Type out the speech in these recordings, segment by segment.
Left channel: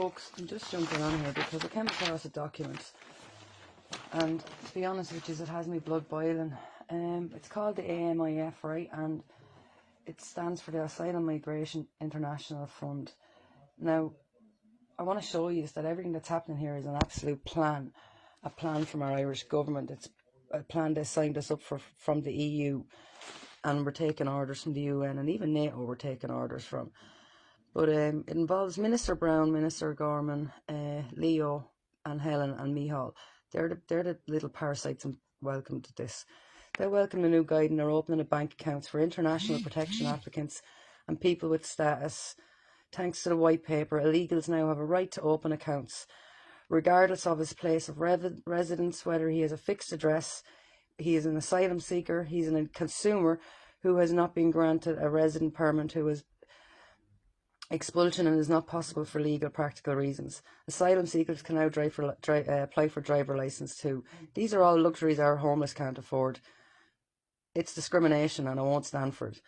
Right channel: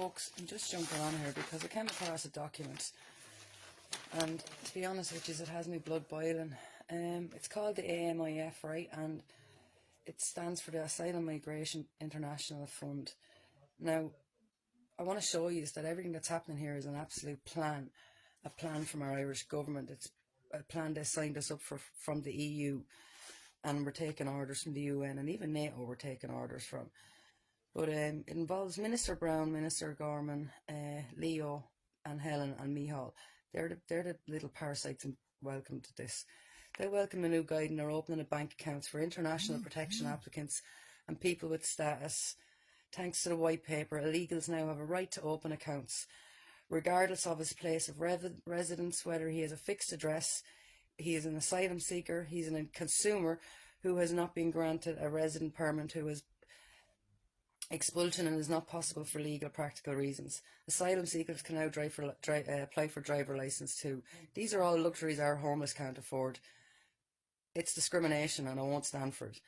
Folks, I'm just jumping on here because I came across a document, and to be honest with you, it has me blood boiling. It's called the AMIF, right, and it stands for the Asylum Migration International Fund. Now, I want to show you that everything that's happening here is an absolute plan, a plan from our Irish government. It's a plan they signed us up for from the EU, and we're taking orders from the UN, and even NATO we're taking orders from. But it involves Minister Brown, Minister Gorman, Leo and Helen and Micheál. They're the little parasites and welcome to this. They welcome the new guide and they're opening of bank accounts for international protection applicants and people with status. Thanks to the white paper, illegals now have a right to open accounts, regardless of his place of residence, whether he has a fixed address, he is an asylum seeker, he's a consumer who has not been granted a resident permit, who is expulsion and is not possible for legal practical reasons. Asylum seekers can now apply for driver licence too. These are all luxuries our homeless can't afford. It's discrimination and I won't stand for it.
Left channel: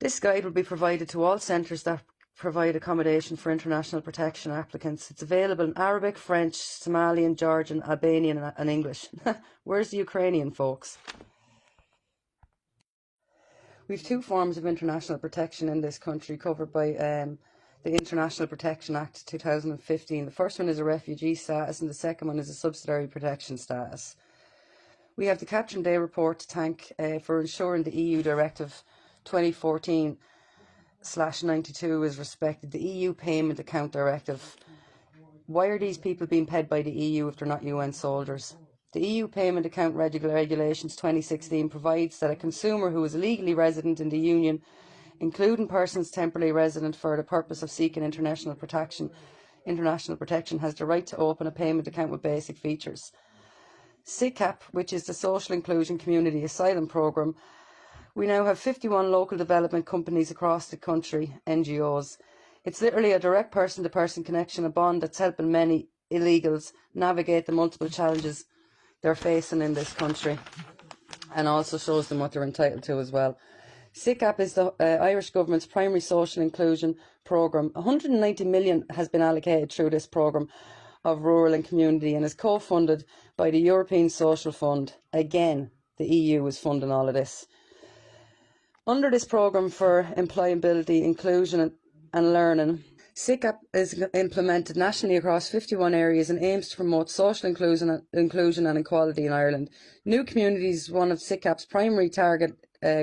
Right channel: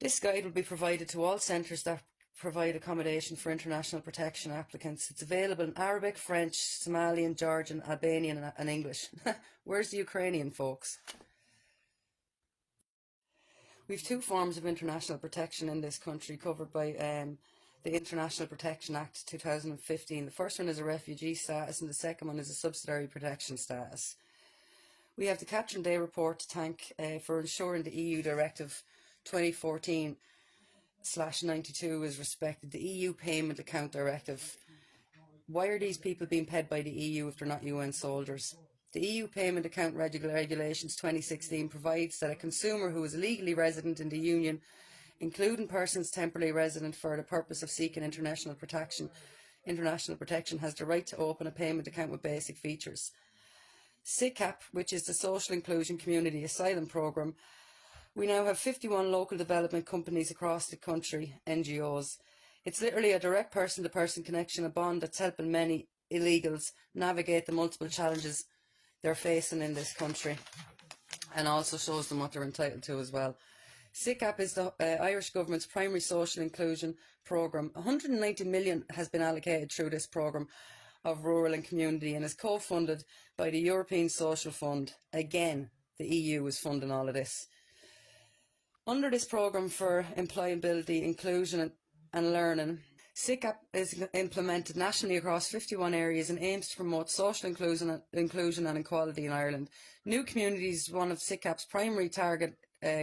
This guide will be provided to all centres that provide accommodation for international protection applicants. It's available in Arabic, French, Somalian, Georgian, Albanian and English. Where's the Ukrainian, folks? We have two forms of international protection in this country covered by the International Protection Act 2015. The first one is a refugee status and the second one is a subsidiary protection status. We have the Catherine Day report to thank for ensuring the EU Directive 2014/92 is respected. The EU Payment Account Directive. Why are these people being paid by the EU if they're not UN soldiers? The EU Payment Account Regulations 2016 provides that a consumer who is legally resident in the Union, including persons temporarily resident for the purpose of seeking international protection, has the right to open a payment account with basic features. SICAP, which is the Social Inclusion Community Asylum Programme, we now have 51 local development companies across the country, NGOs. It's literally a direct person-to-person connection, a bond that's helping many illegals navigate the multiple challenges they're facing in this country, and also shows them what they're entitled to as well. SICAP is the Irish Government's primary social inclusion programme. 190 million has been allocated through this programme of rural and community and is co-funded by the European Social Fund. Again, the EU is funding all of this. Under this programme for employability, inclusion and learning, SICAP is implemented nationally across 51 areas and aims to promote social inclusion and equality in Ireland. New Communities is one of SICAP's primary target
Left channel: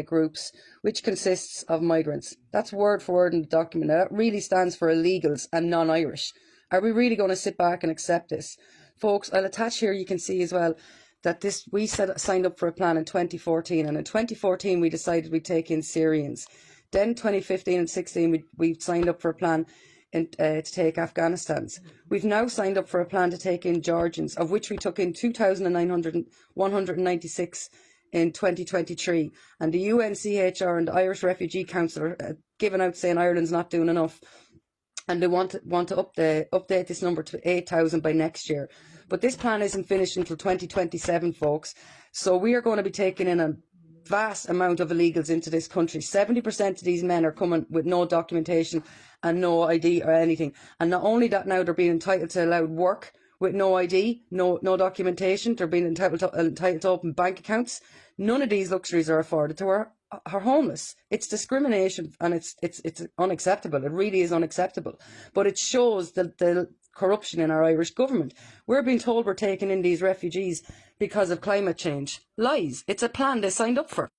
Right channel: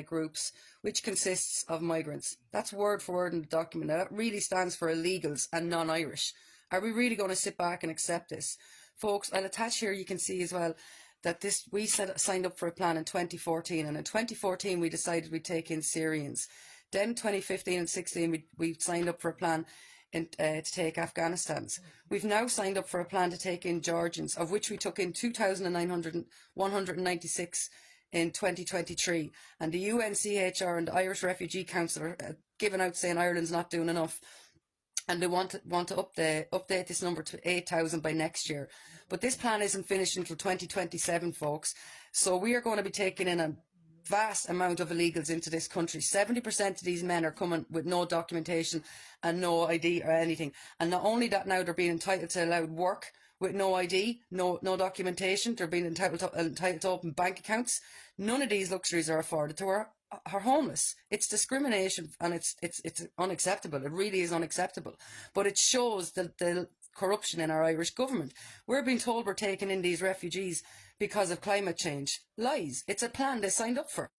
groups, which consists of migrants. That's word for word in the document. That really stands for illegals and non-Irish. Are we really going to sit back and accept this? Folks, I'll attach here, you can see as well, that we signed up for a plan in 2014, and in 2014 we decided we'd take in Syrians. Then 2015 and 16 we signed up for a plan to take Afghanistans. We've now signed up for a plan to take in Georgians, of which we took in 2,196 in 2023. And the UNCHR and the Irish Refugee Council are giving out saying Ireland's not doing enough. And they want to update this number to 8,000 by next year. But this plan isn't finished until 2027, folks. So we are going to be taking in a vast amount of illegals into this country. 70% of these men are coming with no documentation and no ID or anything. And not only that, now they're being entitled to allowed work with no ID, no documentation. They're being entitled to open bank accounts. None of these luxuries are afforded to our homeless. It's discrimination and it's unacceptable. It really is unacceptable. But it shows the corruption in our Irish government. We're being told we're taking in these refugees because of climate change. Lies. It's a plan they signed up for.